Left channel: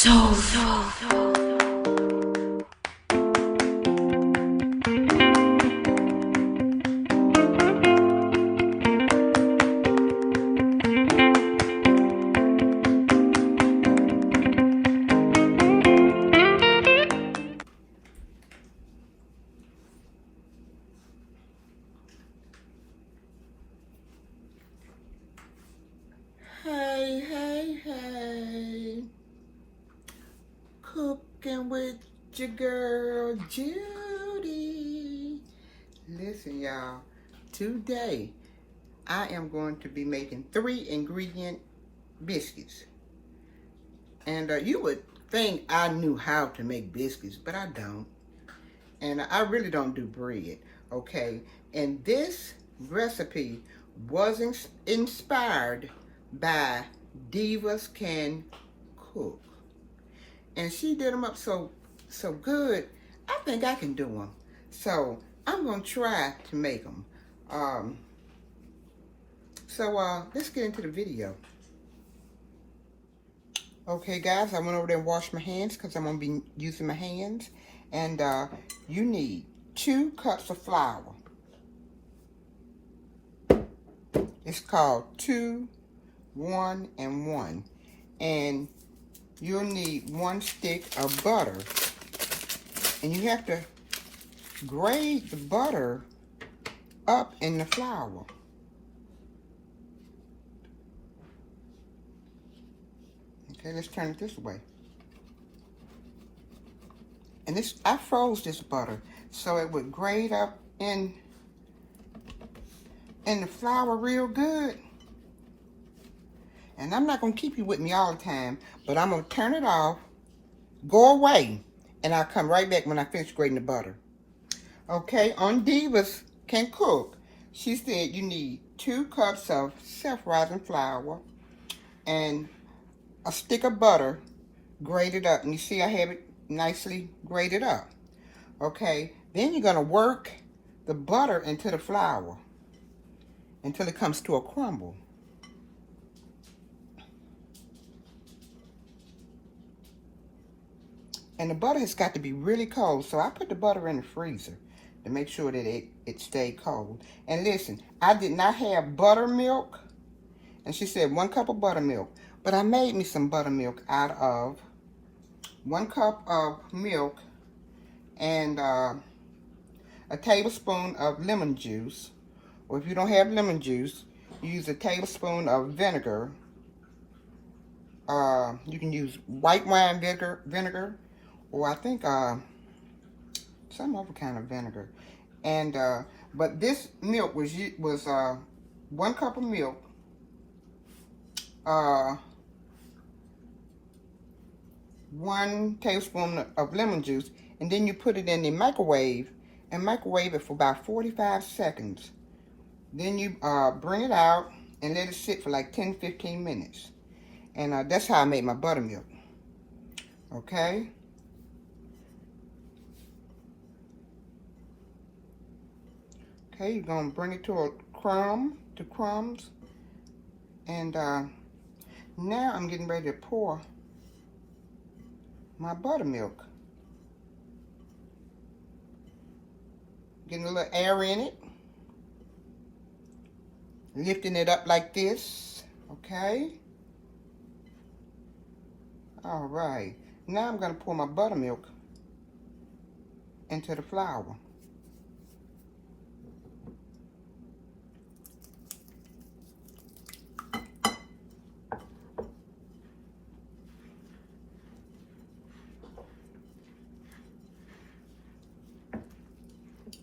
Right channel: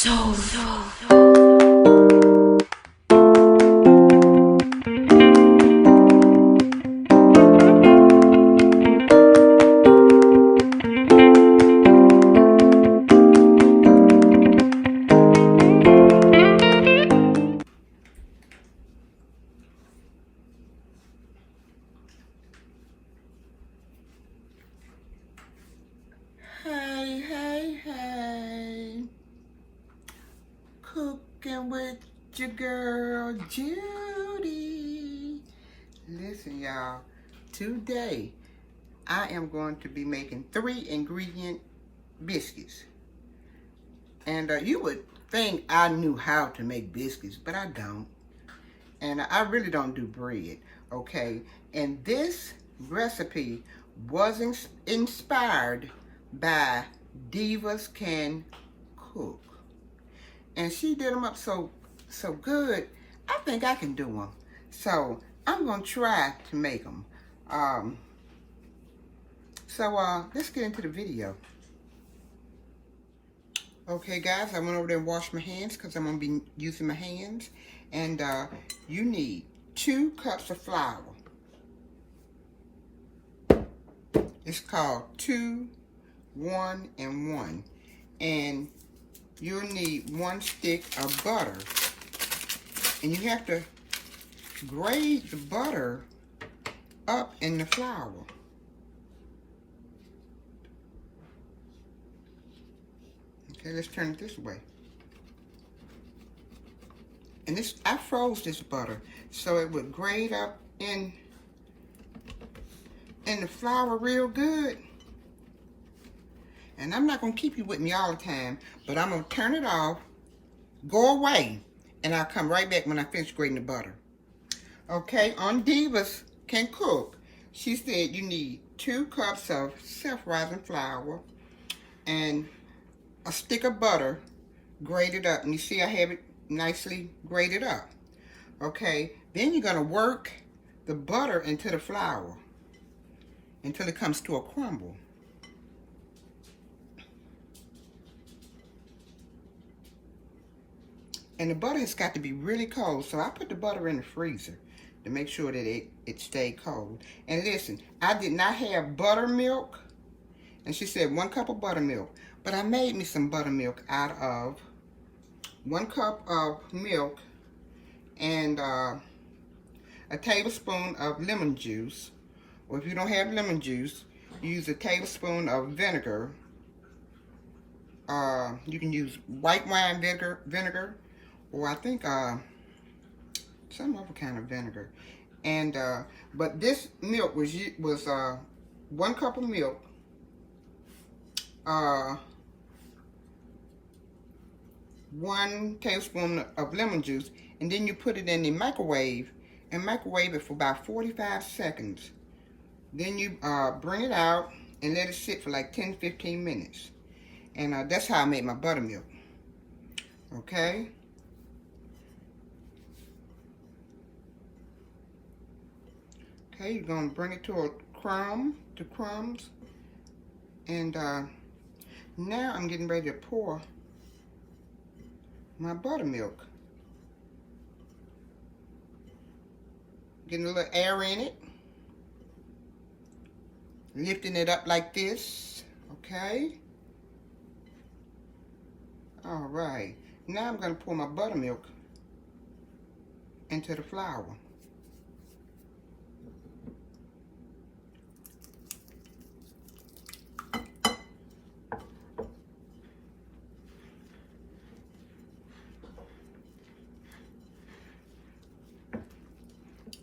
Hey, cooking with your girl Judy. Listen, y'all, today I am going to be making 3-ingredient biscuits. And you would think I knew how to make biscuits, but I don't. And I really don't do bread, okay? And this recipe was inspired by Divas Can Cook. And she did them up so good, I think I can do them. So I'm gonna try to make them. Let's get into the video. Okay guys, I went over there and washed my hands because I'm gonna be using my hands. And you need 2 cups of flour. It's called 2, 1, and 1. And you'll need 1 stick of butter. And you have to grate the butter up in the flour. Okay, let's turn it this way. And I froze this butter so it would grate up in the flour real good. And I'm not gonna keep you with me all the time, but I'm gonna turn it off, go away, and I'll come right back when I finish grating the butter. Okay, on Divas Can Cook, she said you need 2 cups of self-rising flour and a stick of butter grated up. And you see I have it nicely grated up. Okay, then you're gonna work the butter into the flour until it comes to a crumble. And the butter has got to be really cold, so I put the butter in the freezer to make sure that it stayed cold. And listen, I did not have buttermilk, and she said 1 cup of buttermilk, but I made me some buttermilk out of 1 cup of milk and a tablespoon of lemon juice. Or if you don't have lemon juice, you use a tablespoon of vinegar. You can use white wine vinegar, or I think some other kind of vinegar. And but this milk was 1 cup of milk, 1 tablespoon of lemon juice, and then you put it in the microwave and microwave it for about 45 seconds. Then you bring it out and let it sit for like 10-15 minutes. And that's how I made my buttermilk. Okay? Okay, you're gonna bring it to a crumbs. And now I'm getting ready to pour my buttermilk. Getting a little air in it. Lifting it up like this, okay? All right, now I'm gonna pour my buttermilk into the flour.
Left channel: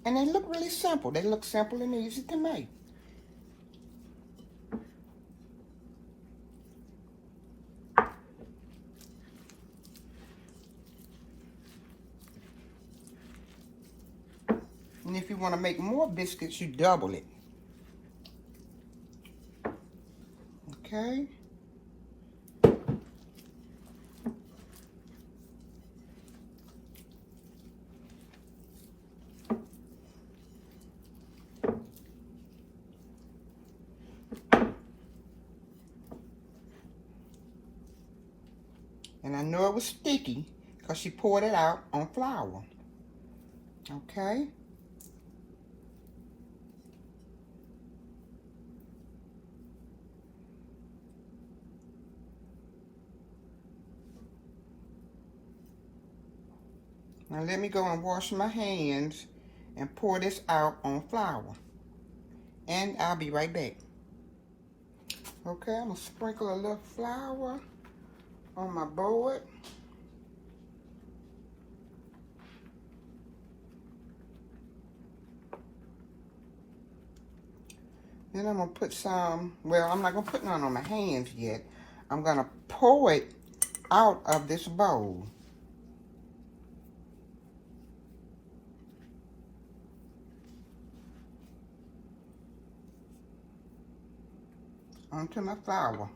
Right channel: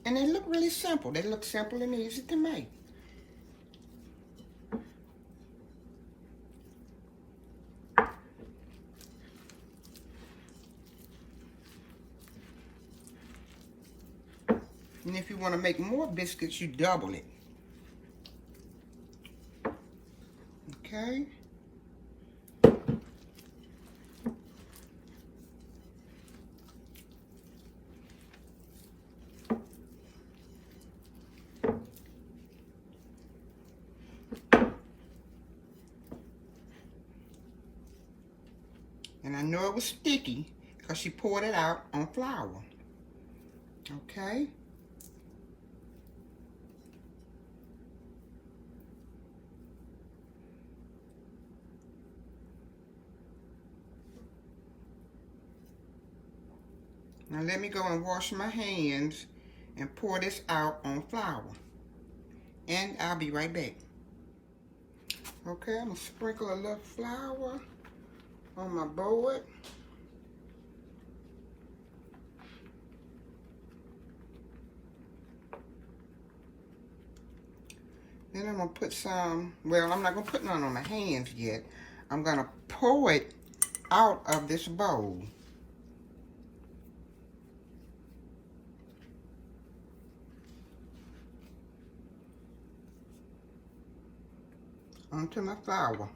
And they look really simple. They look simple and easy to make. And if you want to make more biscuits, you double it. Okay? And I know it was sticky because she poured it out on flour. Okay. Now let me go and wash my hands and pour this out on flour. And I'll be right back. Okay, I'm gonna sprinkle a little flour on my board. Then I'm gonna put some, well, I'm not gonna put none on my hands yet. I'm gonna pour it out of this bowl. Onto my flour.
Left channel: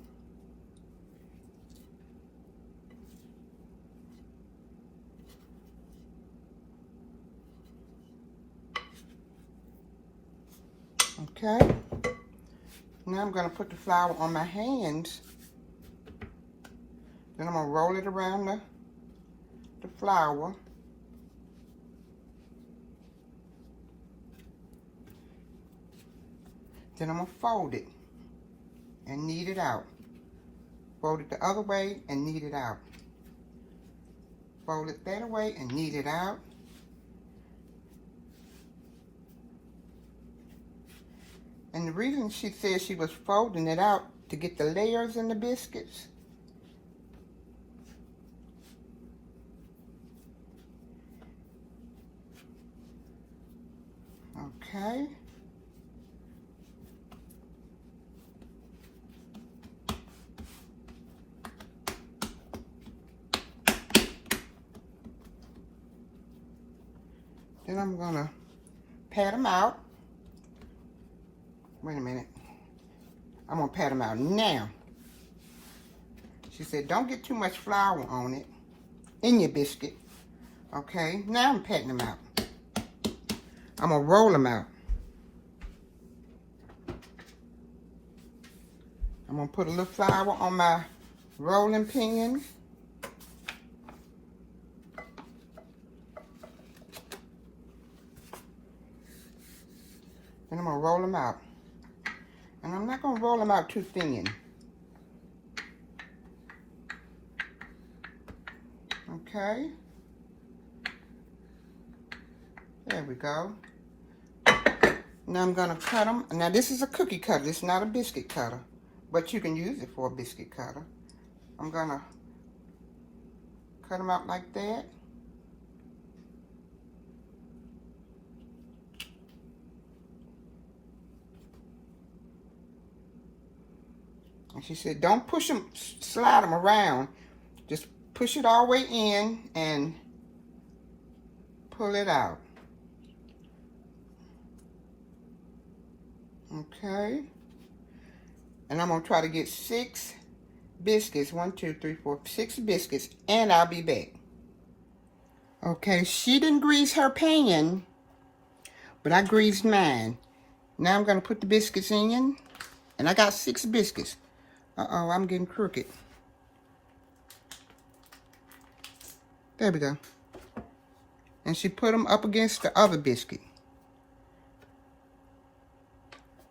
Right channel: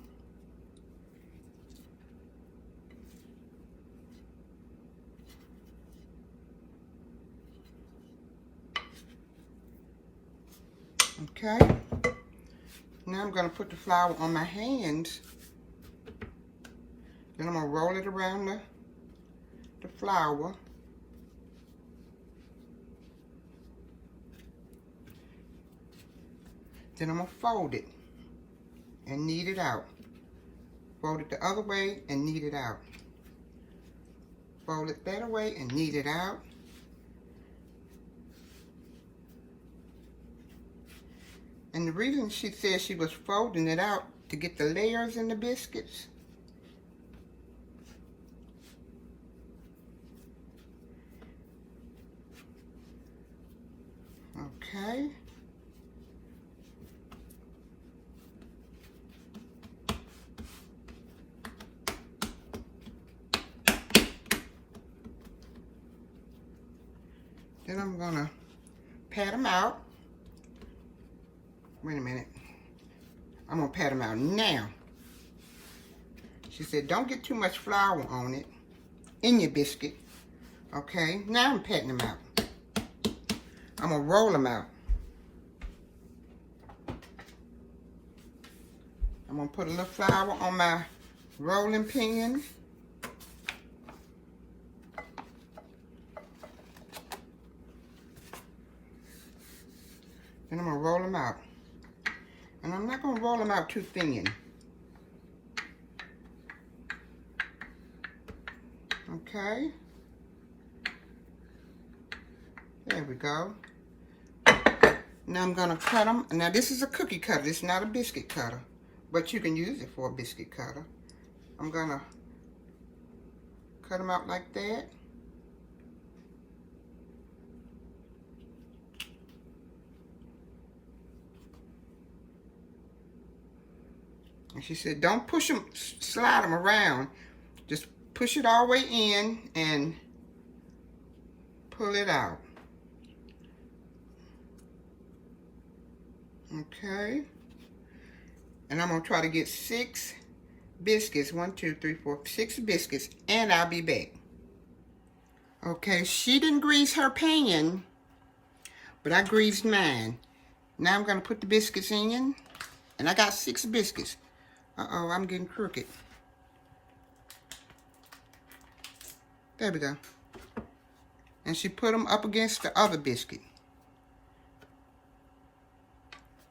Okay. Now I'm going to put the flour on my hands. Then I'm going to roll it around the flour. Then I'm going to fold it and knead it out. Fold it the other way and knead it out. Fold it that way and knead it out. And the reason she said she was folding it out to get the layers in the biscuits. Okay. Then I'm gonna pat them out. Wait a minute. I'm gonna pat them out now. She said, don't get too much flour on it, in your biscuit. Okay, now I'm patting them out. I'm gonna roll them out. I'm gonna put a little flour on my rolling pin. Then I'm gonna roll them out. And I'm not gonna roll them out too thin. Okay. There we go. Now I'm gonna cut them. Now this is a cookie cutter. This is not a biscuit cutter, but you can use it for a biscuit cutter. I'm gonna cut them out like that. And she said, don't push them, slide them around. Just push it all the way in and pull it out. Okay. And I'm going to try to get 6 biscuits. 1, 2, 3, 4, 6 biscuits. And I'll be back. Okay, she didn't grease her pan, but I greased mine. Now I'm going to put the biscuits in. And I got 6 biscuits. Uh-oh, I'm getting crooked. There we go. And she put them up against the other biscuit.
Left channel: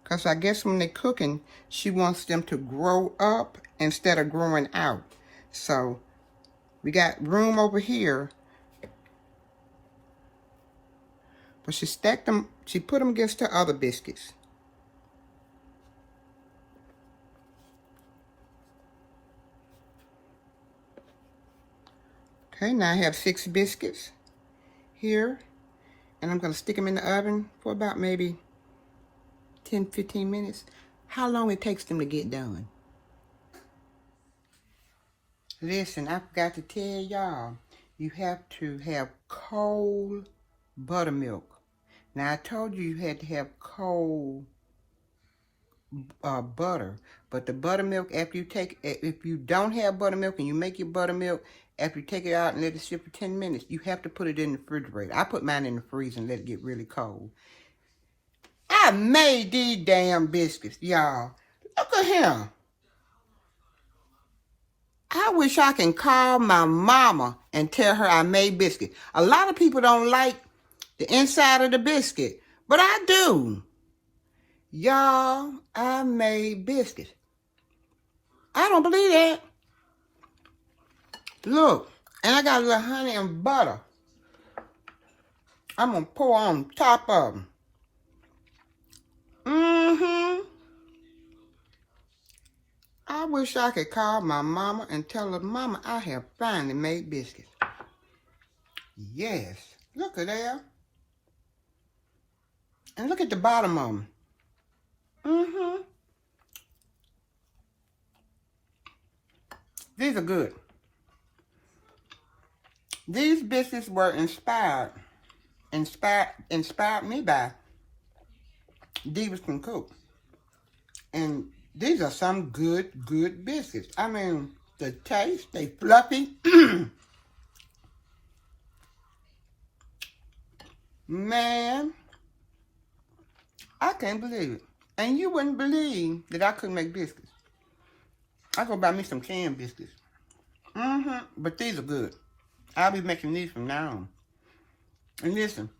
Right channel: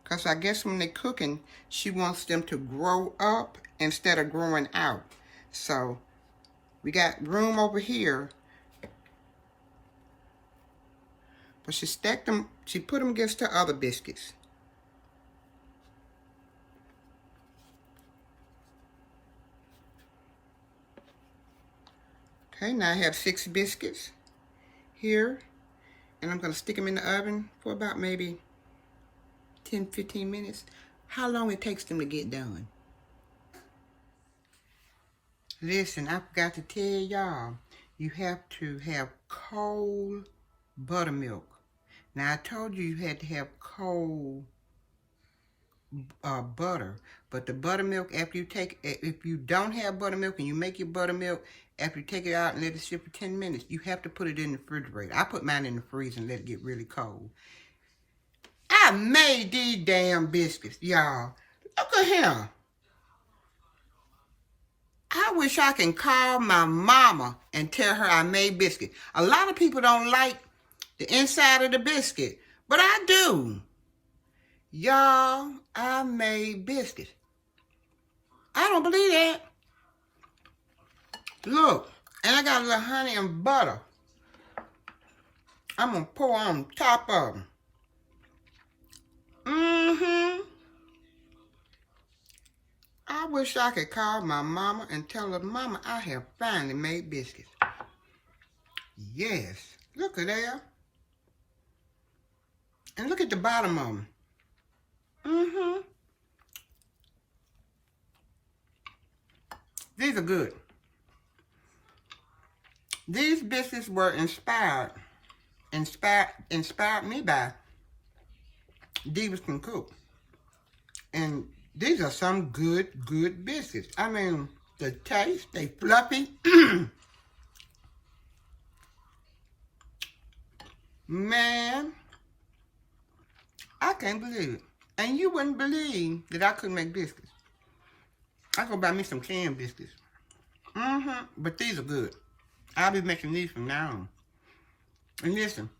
Because I guess when they're cooking, she wants them to grow up instead of growing out. So, we got room over here. But she stacked them, she put them against the other biscuits. Okay, now I have 6 biscuits here, and I'm going to stick them in the oven for about maybe 10-15 minutes. How long it takes them to get done? Listen, I forgot to tell y'all, you have to have cold buttermilk. Now, I told you had to have cold butter, but the buttermilk, after you take, if you don't have buttermilk and you make your buttermilk, after you take it out and let it sit for 10 minutes, you have to put it in the refrigerator. I put mine in the freezer and let it get really cold. I made these damn biscuits, y'all. Look at him. I wish I can call my mama and tell her I made biscuit. A lot of people don't like the inside of the biscuit, but I do. Y'all, I made biscuits. I don't believe that. Look, and I got a little honey and butter. I'm going to pour on top of them. I wish I could call my mama and tell her, Mama, I have finally made biscuits. Yes, look at that. And look at the bottom of them. These are good. These biscuits were inspired me by Judy Caldwell. And these are some good biscuits. I mean, the taste, they fluffy. Man, I can't believe it. And you wouldn't believe that I could make biscuits. I go buy me some canned biscuits. But these are good. I'll be making these from now on. And listen,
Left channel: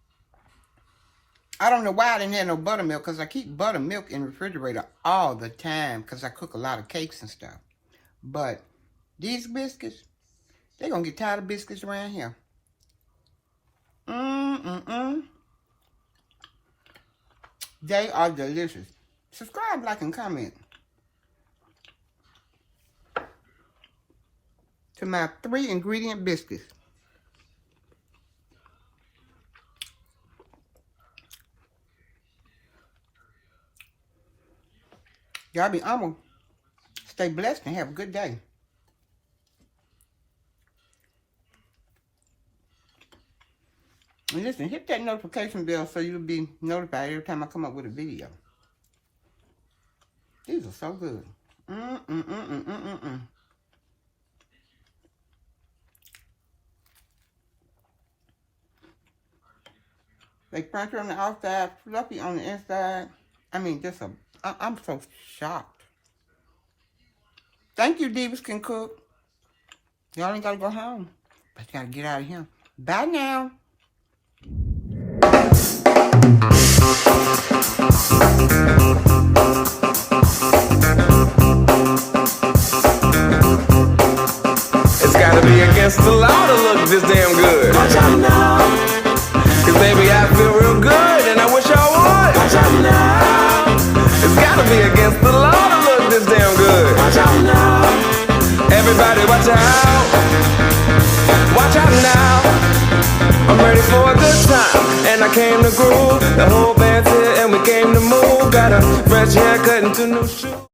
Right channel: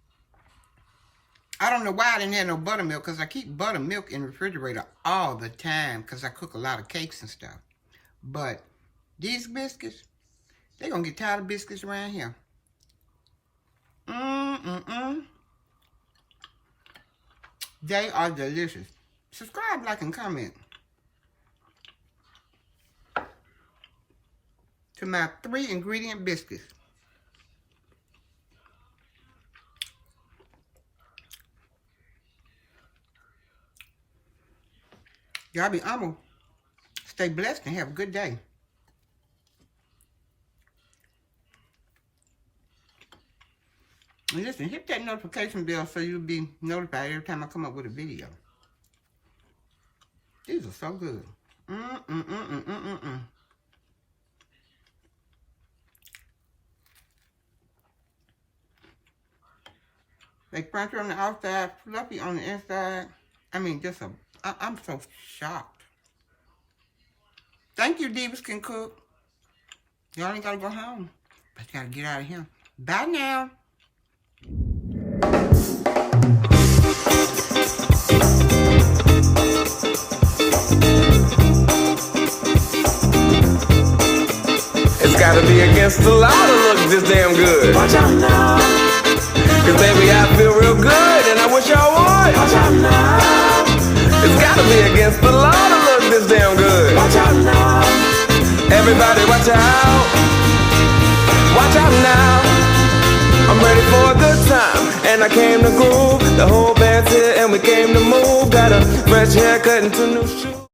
I don't know why I didn't have no buttermilk, because I keep buttermilk in the refrigerator all the time because I cook a lot of cakes and stuff. But these biscuits, they're going to get tired of biscuits around here. They are delicious. Subscribe, like, and comment to my 3-ingredient biscuits. Y'all be humble. Stay blessed and have a good day. And listen, hit that notification bell so you'll be notified every time I come up with a video. These are so good. They crunchy on the outside, fluffy on the inside. I mean, I'm so shocked. Thank you, Divas Can Cook. Y'all ain't gotta go home, but you gotta get out of here. Bye now. It's gotta be against the law to look this damn good. Watch out now. Cause baby, I feel real good and I wish I would. Watch out now. It's gotta be against the law to look this damn good. Watch out now. Everybody watch out. Watch out now. I'm ready for a good time and I came to groove. The whole band's here and we came to move. Got a fresh haircut and 2 new shoes.